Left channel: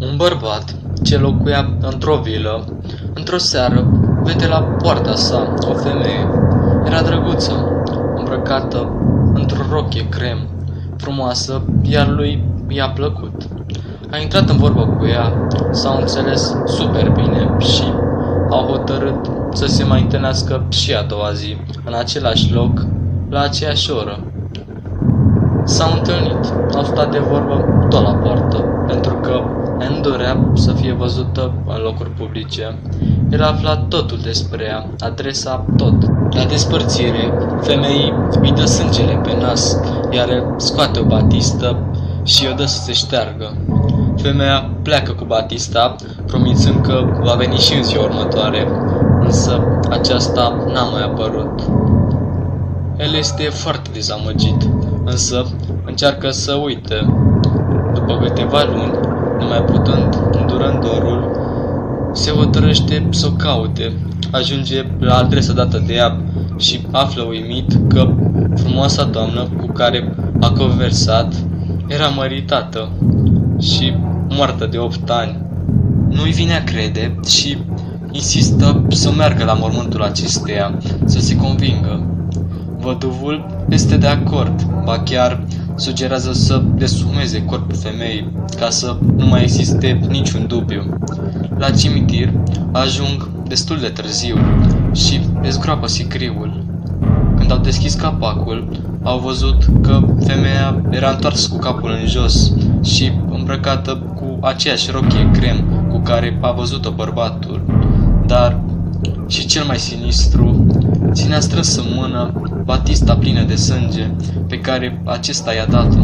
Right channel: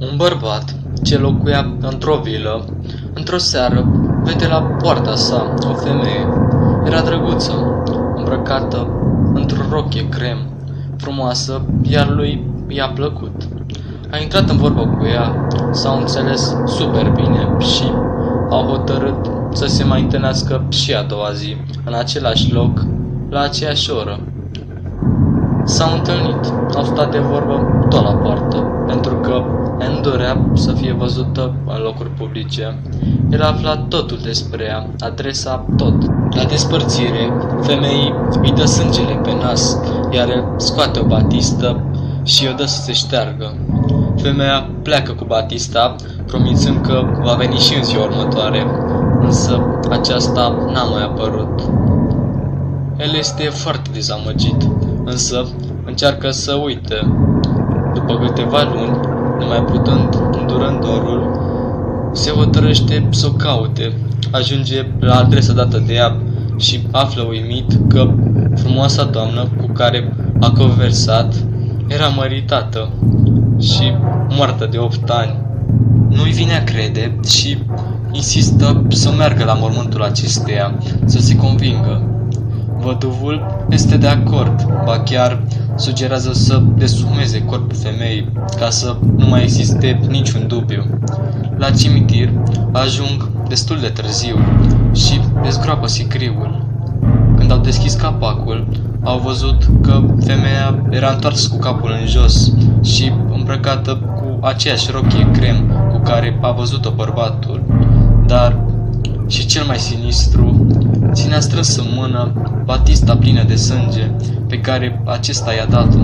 Un bărbat ce locuia într-o vilă, într-o seară, vede la poarta sa o femeie. Era drăguță, îmbrăcată într-o rochie crem, frumoasă, iar lui i-a plăcut. A intrat în vorbă cu ea, s-au înțeles super bine și au hotărât să se mai întâlnească și a doua zi, în același loc, la aceeași oră. S-au întâlnit, au stat de vorbă tot la poartă, pentru că Anne dorea să fie văzută în locuri publice. El a aflat totul despre ea, adresa, tot. La despărțire, femeii îi dă sângele pe nas, iar el scoate o batistă și o dă să se șteargă. Femeia pleacă cu batista, promițând că va veni și în ziua următoare, însă aceasta n-a mai apărut. El este foarte dezamăgit, însă încearcă să uite. După câteva luni, nemai putând îndură dorul, se hotărăște să o caute. Ajunge la adresa dată de ea și află uimit că frumoasa doamnă cu care a conversat era măritată și moartă de 8 ani. Nu-i vine a crede și insistă să meargă la mormântul acesteia, să se convingă. Văduvul este de acord, ba chiar sugerează să deshumeze corpul femeii, ca să nu mai existe niciun dubiu. La cimitir ajung destul de târziu și dezgroapă sicriul. Când au deschis capacul, au văzut că femeia era întoarsă cu capul în jos și îmbrăcată cu aceeași rochie crem cu care a văzut-o bărbatul. Dar, și cel mai sinistru, ținea strâns în mână batista plină de sânge pe care acesta i-a dat-o.